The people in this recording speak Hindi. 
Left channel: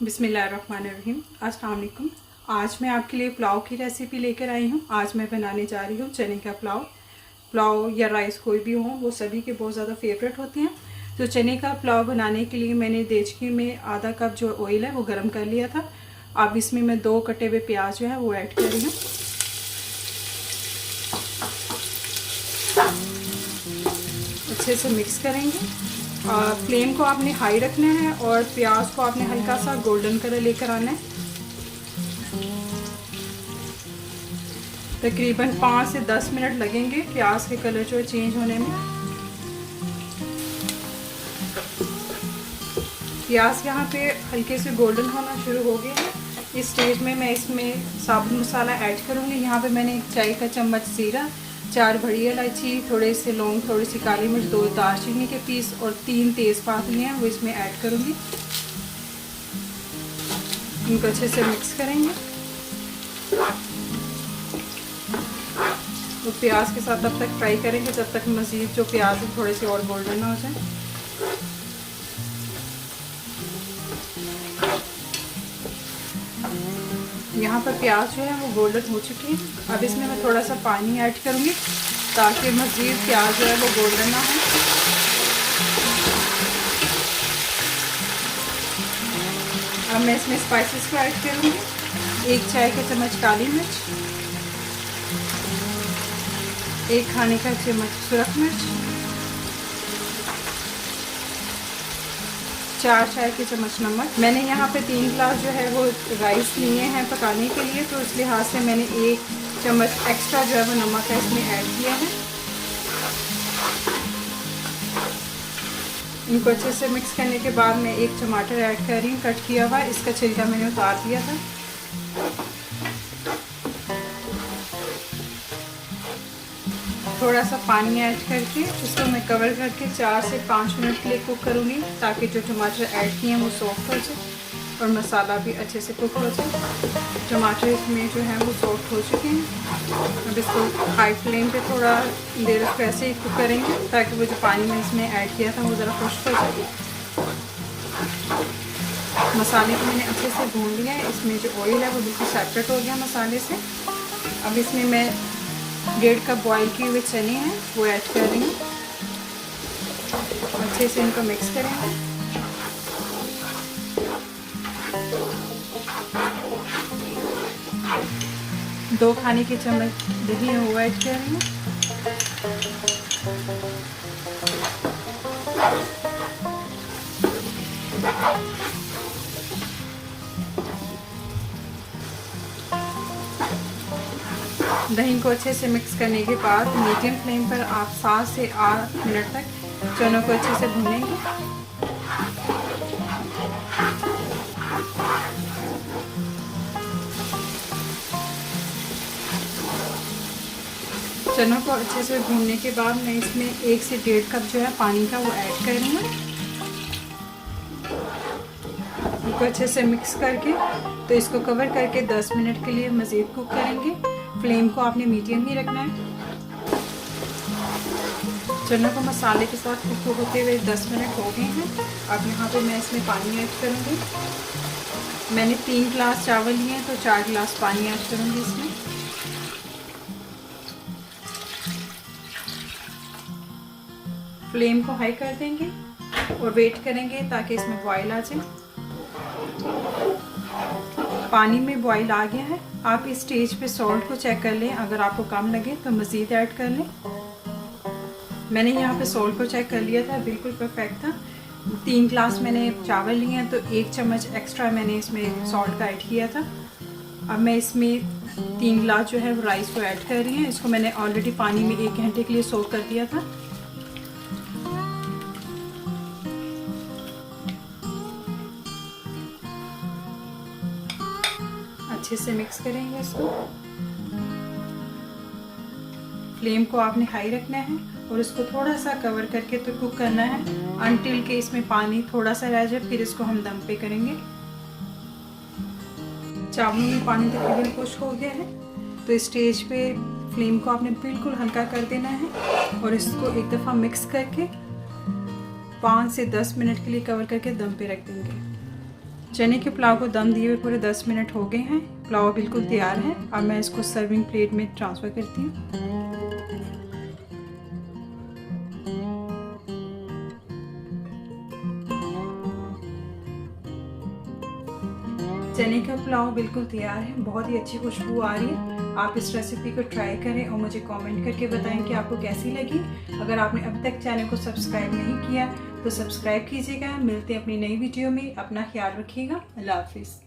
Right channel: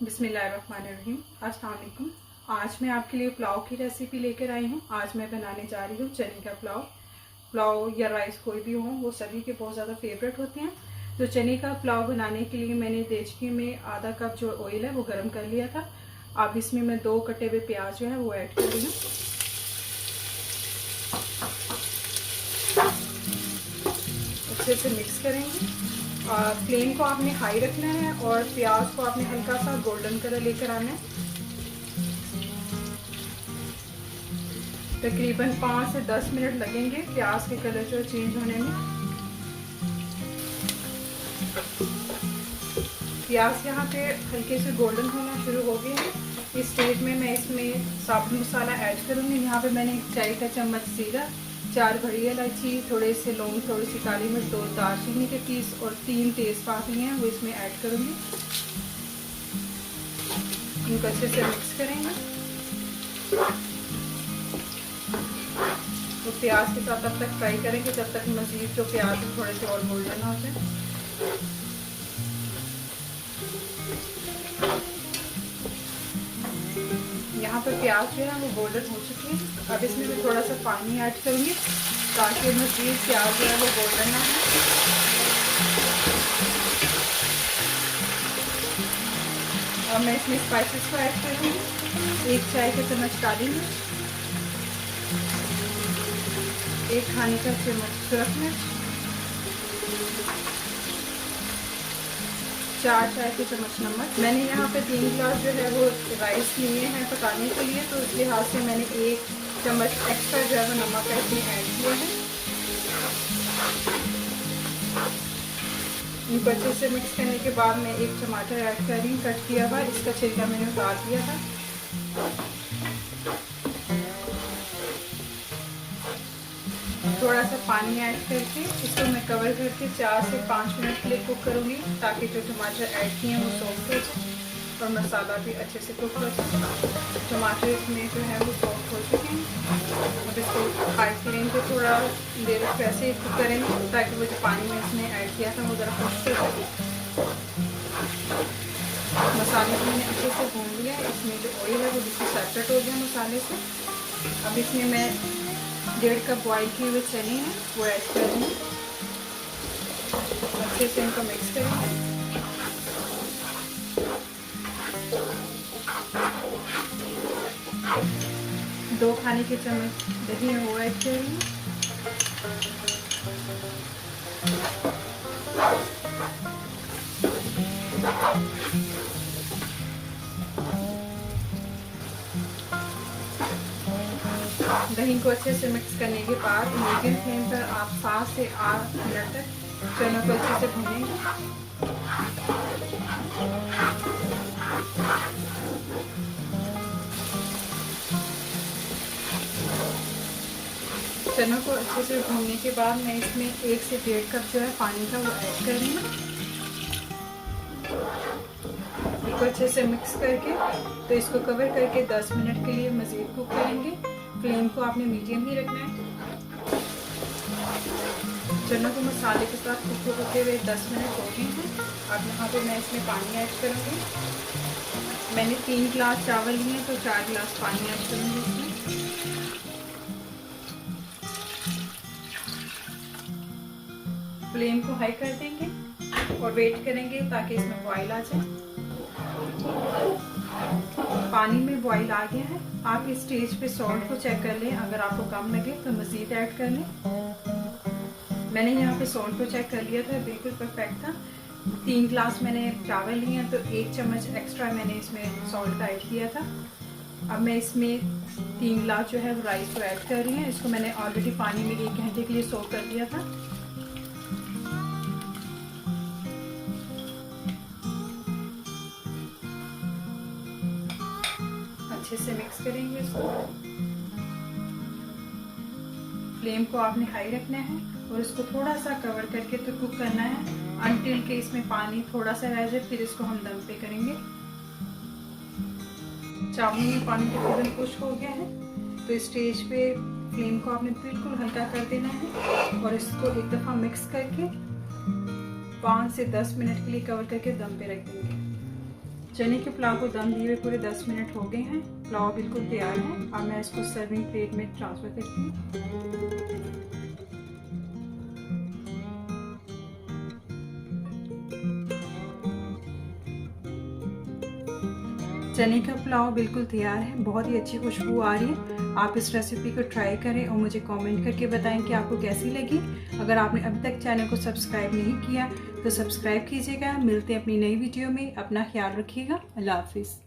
बिस्मिल्लाहिर्रहमानिर्रहीम। अस्सलाम वालेकुम। आज मैं आपके लिए पुलाव की रेसिपी लेकर आई हूँ। आज मैं बनाने जा रही हूँ चने का पुलाव। पुलाव या राइस कोई भी हो, वो सभी के बहुत ज़्यादा फेवरेट होते हैं। तो चने का पुलाव बनाने के लिए मैंने देचकी में आधा कप जो ऑयल है वो गर्म कर लिया था। अब इसमें मैं 2 कटे हुए प्याज जो है वो ऐड कर रही हूँ। अच्छे से मिक्स करेंगे। फ्लेम को आपने हाई रखना है और प्याज को आपने हल्का सा गोल्डन कलर लेकर आना है। तकरीबन 5 से 10 मिनट लगेंगे प्याज के कलर जो चेंज होने में। प्याज यहाँ पे हल्के से गोल्डन होना शुरू हो गए हैं। इस स्टेज में मैं इसमें साबुत मसाला ऐड करूँगी। यहाँ पे मैंने 1 चाय का चम्मच जीरा, 4 बड़ी इलायची, थोड़े से लौंग, थोड़ी सी काली मिर्च, 2 दालचीनी के पीस और 3 तेज़पात लिए हैं वो इसमें ऐड करूँगी। इनको अच्छे से मिक्स करेंगे। तो प्याज के साथ तब तक फ्राई करेंगे जब तक मज़ीद जो प्याज है थोड़े से और गोल्डन हो जाए। यहाँ पर प्याज जो है वो गोल्डन हो चुकी है। अब इसमें मैं थोड़ा सा पानी ऐड करूँगी ताकि मज़ीद प्याज जो है वो गोल्डन ना हो। अब मैं इसमें स्पाइसेस को ऐड करूँगी। 1 चाय का चम्मच काली मिर्च, 1 खाने का चम्मच सुरख मिर्च, 4 चाय के चम्मच नमक। मैंने यहाँ पे 3 गिलास जो है वो राइस लिए हैं पकाने के लिए, तो इस लिहाज से मैंने 1 चम्मच एक्स्ट्रा जो है वो नमक इसमें ऐड किया है। इनको अच्छे से मिक्स करने के बाद मैं 1 टमाटर ऐड कर रही हूँ कट किया हुआ। इसका छिलका मैंने उतार दिया था। थोड़ा सा पानी ऐड करके इसको मैं कवर करके 4 से 5 मिनट के लिए कुक करूँगी ताकि जो टमाटर ऐड किए हैं वो सॉफ्ट हो जाए और मसाला भी अच्छे से कुक हो जाए। टमाटर इसमें जो है वो सॉफ्ट हो चुके हैं। अब इसको हाई फ्लेम पे थोड़ा देर उसको ऐसे ही कुक करेंगे ताकि वो जो पानी में इसने ऐड किया था वो ज़रा खुश्क हो जाए। मसाले को मैंने अच्छे से भून लिया है। इसमें जो ऑयल है वो बिल्कुल सेपरेट हो गया मसाले से। अब इसमें मैं 1.5 कप बॉयल किए हुए चने हैं वो ऐड कर रही हूँ। अच्छे से इनको मिक्स करेंगे। दो खाने के चम्मच दही है वो ऐड कर रही हूँ। दही को अच्छे से मिक्स करने के बाद मीडियम फ्लेम पर आप 7 से 8 मिनट तक चनों को अच्छे से भूनेंगे। चनों को अच्छे से भूनने के बाद मैं इसमें 1 से 1.5 कप जो है पानी का वो ऐड कर रही हूँ। इसको अच्छे से मिक्स करके तो इसको कवर करके 10 मिनट के लिए मज़ीद कुक करेंगे। फ्लेम को आपने मीडियम ही रखना है। चनों को मसाले के साथ कुक होते हुए 10 मिनट हो गए हैं। अब यहाँ पे मैं इसमें पानी ऐड करूँगी। मैंने 3 गिलास चावल लिए हैं तो 4 गिलास पानी ऐड करूँगी इसमें। फ्लेम को हाई कर देंगे और वेट करेंगे ताकि इसमें बॉयल आ जाए। पानी में बॉईल आ गया है। आप इस स्टेज पे सॉल्ट को चेक कर लें। अगर आपको कम लगे तो मज़ीद ऐड कर लें। मैंने यहाँ पे सॉल्ट को चेक कर लिया था, बिल्कुल परफेक्ट था। 3 गिलास मैंने चावल लिए हैं तो 1 चम्मच एक्स्ट्रा मैंने इसमें सॉल्ट का ऐड किया था। अब मैं इसमें 3 गिलास जो है वो राइस को ऐड कर रही हूँ। इसको मैंने ऑलरेडी पानी में 1 घंटे के लिए सोक कर दिया था। अच्छे से मिक्स करेंगे इसको। फ्लेम को आपने हाई रखना है और इसको थोड़ा सा कवर करके तो कुक करना है अनटिल के इसमें पानी थोड़ा सा रह जाए, फिर इसको हम दम पे करेंगे। चावल में पानी तकरीबन खुश्क हो गया है तो इस स्टेज पे फ्लेम को आपने बिल्कुल हल्का कर देना है और इसको एक दफ़ा मिक्स करके 5 से 10 मिनट के लिए कवर करके दम पे रख देंगे। चने के पुलाव को दम दिए हुए पूरे 10 मिनट हो गए हैं। पुलाव बिल्कुल तैयार है। अब मैं इसको सर्विंग प्लेट में ट्रांसफ़र करती हूँ। चने का पुलाव बिल्कुल तैयार है। बहुत ही अच्छी खुशबू आ रही है। आप इस रेसिपी को ट्राई करें और मुझे कमेंट करके बताएं कि आपको कैसी लगी। अगर आपने अभी तक चैनल को सब्सक्राइब नहीं किया तो सब्सक्राइब कीजिएगा। मिलते हैं अपनी नई वीडियो में। अपना ख्याल रखिएगा। अल्लाह हाफिज़।